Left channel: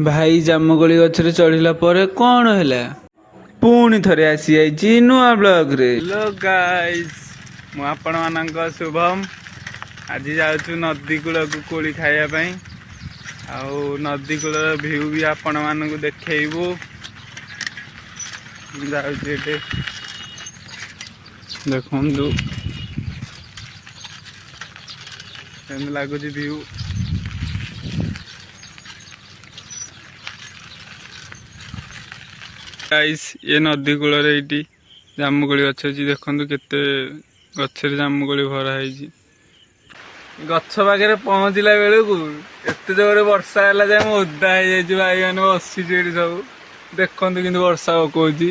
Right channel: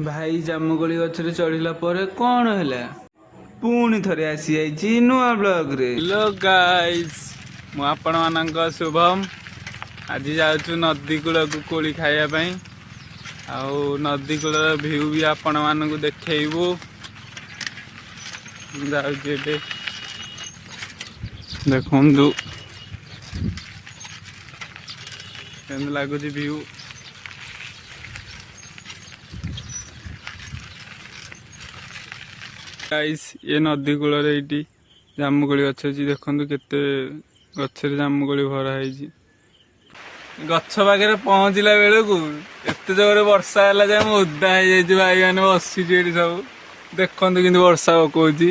भाई जामुकोली गछरे चढ़िला परे कौन हैला पुणी थरे आसी जाइछि नुआ ब्लॉग रे। हेलो गाइस मु आपण मानक शुभम आज जाउछु नदी कूल को कोली खाइया पई आउ नदी कूल व्यू भी आपण मानक देखैबू जाउछि एटे देखंदु केन लागुछि व्यू। गाइस ये नदी कूल ये जामुकोली गछ अच्छी देखो केते गछरे जामुकोली भरा है। गछ पाखे पहुँचला बेलू एत जोर वर्षा है जाए ओदा हो भाई मैंने बसुचे सब देखते कि वर्षा पकाउच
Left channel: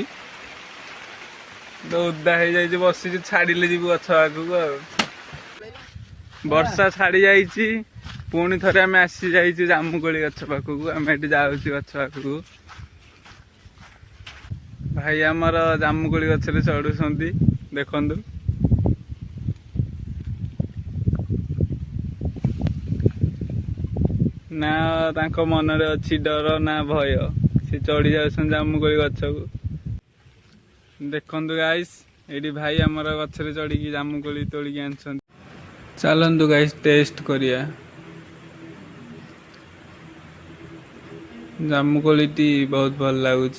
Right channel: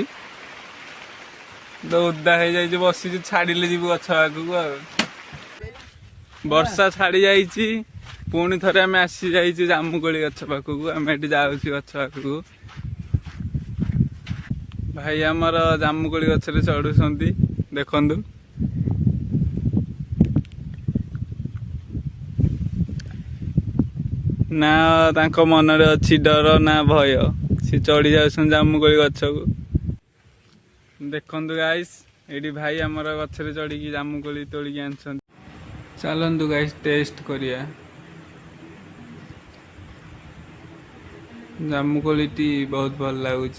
ओदा हो बस छाड़िले जी गछ पाखक वर्षा छाड़ी जाइए पुणी थे आम आसी जाइए जामुकोली गछ पाखक आम ये जाऊँ गछ पाखक भाई आमर जामुकोली गछरे चढ़ुंट देखु ना तांको मन रे अच्छी डर ना भय सी चढ़ी जाऊँ जामुकोली गछ को देखु गाइस ये भाई आमर गछरे चढ़ी जामुकोली तोलिकी आन चलतु गाइस टेस्ट करिया जामुकोली बहुत भल लगुच।